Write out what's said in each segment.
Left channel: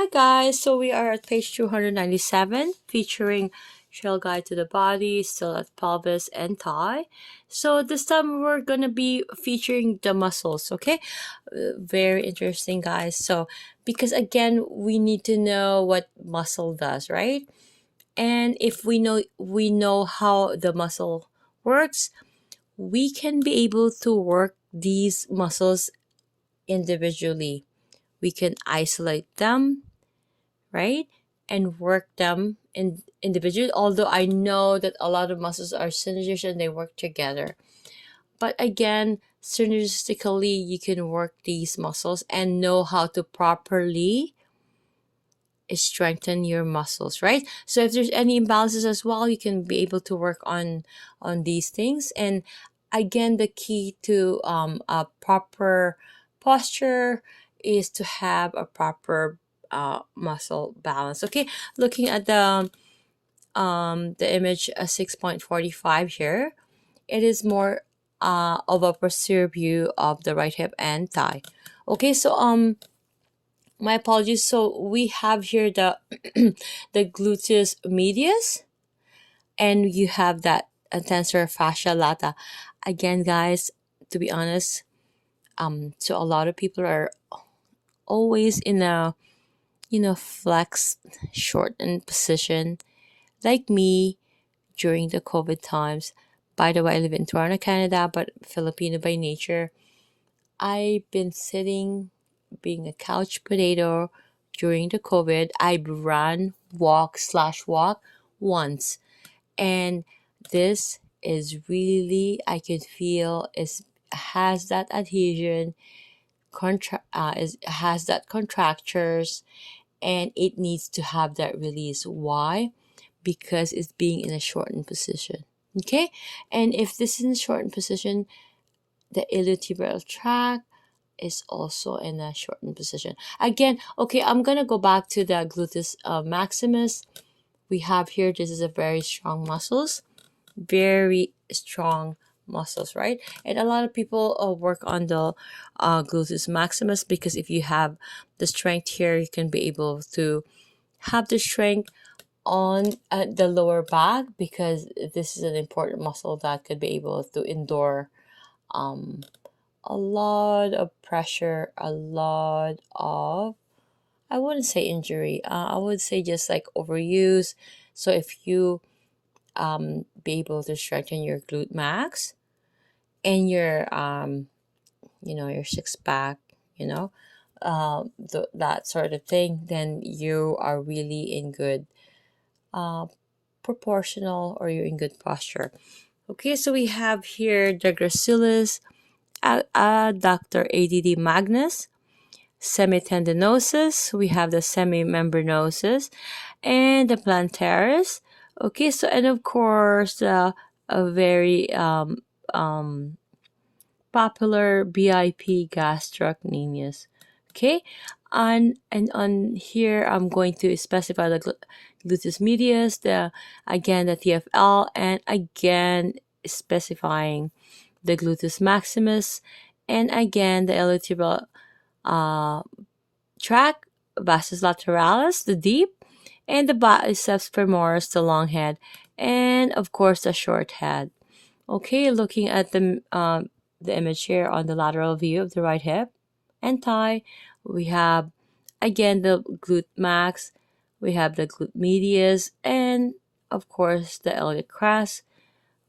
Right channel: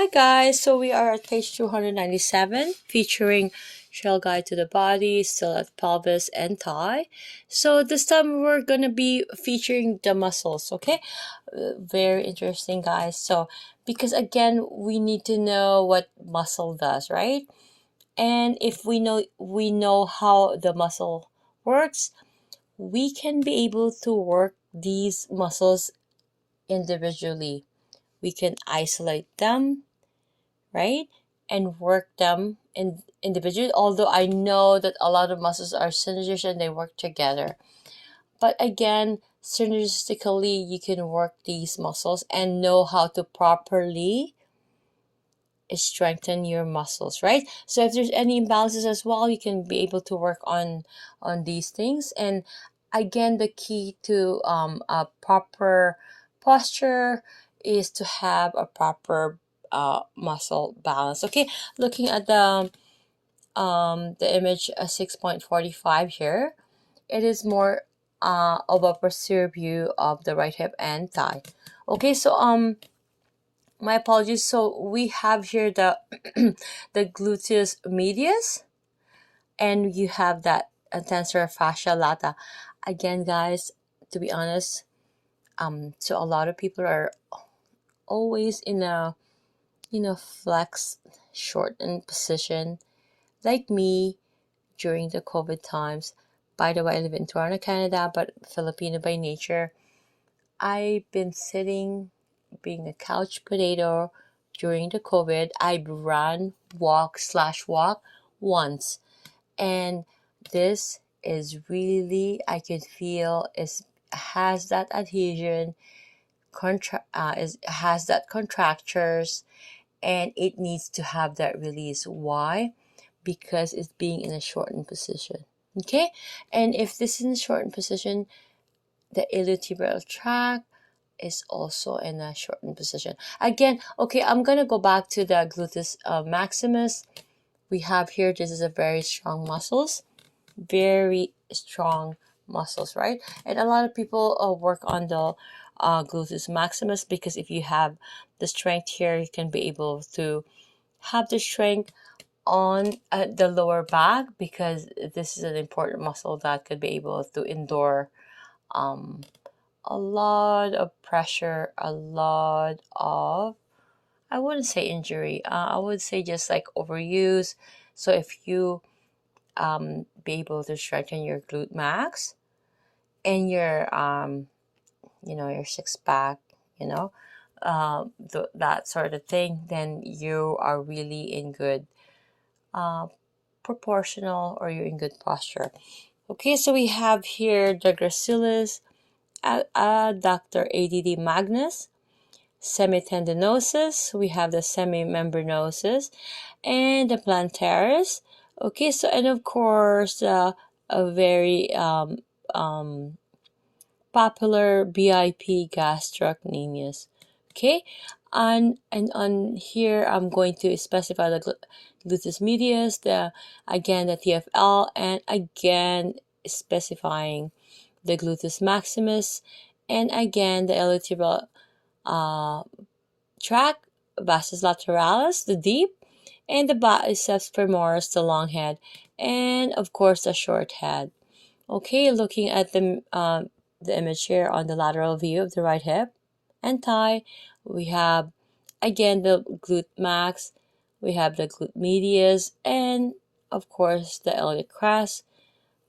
Hi guys, so we are at page 297 featuring Shell Guide to the Body, still at pelvis and thigh. So this time we're going to be featuring the muscles, okay? Very interesting guys. So because again, we need to know what muscle does, right? And if we know how the muscle works, we can be able to work these muscles individually. We can isolate them, right? And work them individually. Although I know that a lot of muscles are synergistic and they work together. But again, synergistically, you can work these muscles and know how to properly strengthen your muscles, right? So if there's any imbalances as well, you can be able to work on these things. And again, the key to a proper posture is to have a proper muscle balance. Okay, looking at the image 6.45 here, it is more of a posterior view of the right hip and thigh. Okay, so my apologies. So we have here the the gluteus medius, and you have that tensor fascia lata. Again, guys, to be honest, so a lot of people are always in a flex shortened position, like me during the COVID times. By the way, I live in Toronto, Canada, but Filipino by nature. I've been sitting, being a couch potato during the COVID. I've run, walk once. And this is really, I could feel, has that adhesion, has that contractures, and it needs to have that release. Why? Because it's being in a shortened position. Okay? And if this is in a shortened position, the iliotibial tract is also in a shortened position. Again, okay, I'm gonna go back to the gluteus maximus. We have here, this is a very strong muscles, very strong muscles, right? And a lot of people work on the gluteus maximus, because if you have the strength here, you can be able to have the strength on the lower back, because this is an important muscle that could be able to endure a lot of pressure, a lot of, I wouldn't say injury, I would say just like overuse. So if you be able to strengthen your glute max and your your six pack, that sort of thing, then you are really in good proportional, or you're in good posture. Okay, so we have here the gracilis, adductor ADD magnus, semitendinosus, we have the semimembranosus, and the plantaris. Okay, so, and of course, a very popular BIP gastrocnemius. Okay, and on here I'm going to specify the gluteus medius, the TFL, and again specifying the gluteus maximus, and again the iliotibial tract, vastus lateralis, the deep, and the biceps femoris, the long head, and of course the short head. Okay, looking at the image here on the lateral view of the right hip and thigh, we have again the glute max, we have the glute medius, and of course the iliac crest.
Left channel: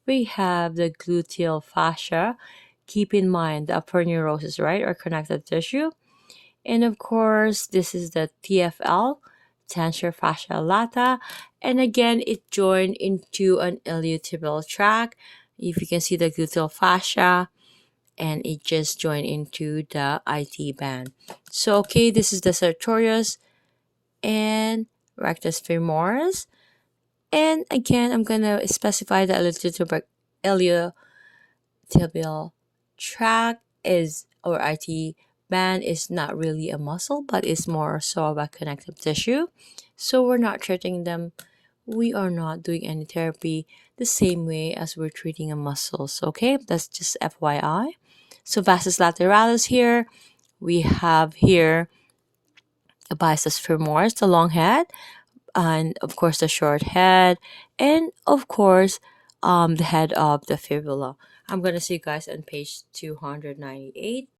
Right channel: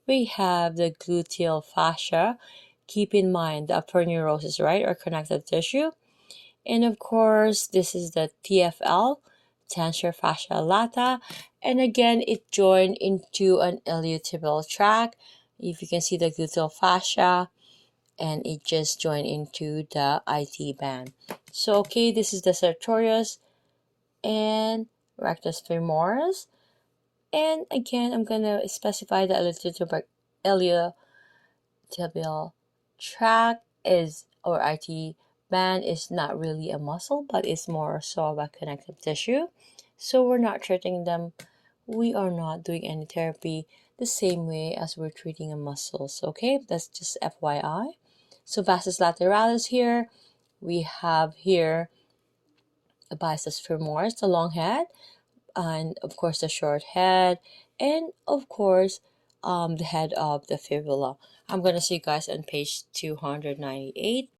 We have the gluteal fascia. Keep in mind the upper neurosis, right, or connective tissue. And of course, this is the TFL, tensor fascia lata. And again, it joined into an iliotibial tract. If you can see the gluteal fascia, and it just joined into the IT band. So, okay, this is the sartorius and rectus femoris. And again, I'm going to specify the iliotibial tract is, or IT band, is not really a muscle, but it's more so of a connective tissue. So we're not treating them. We are not doing any therapy the same way as we're treating a muscles. Okay, that's just FYI. So vastus lateralis here, we have here a biceps femoris, the long head, and of course the short head, and of course the head of the fibula. I'm gonna see you guys on page 298.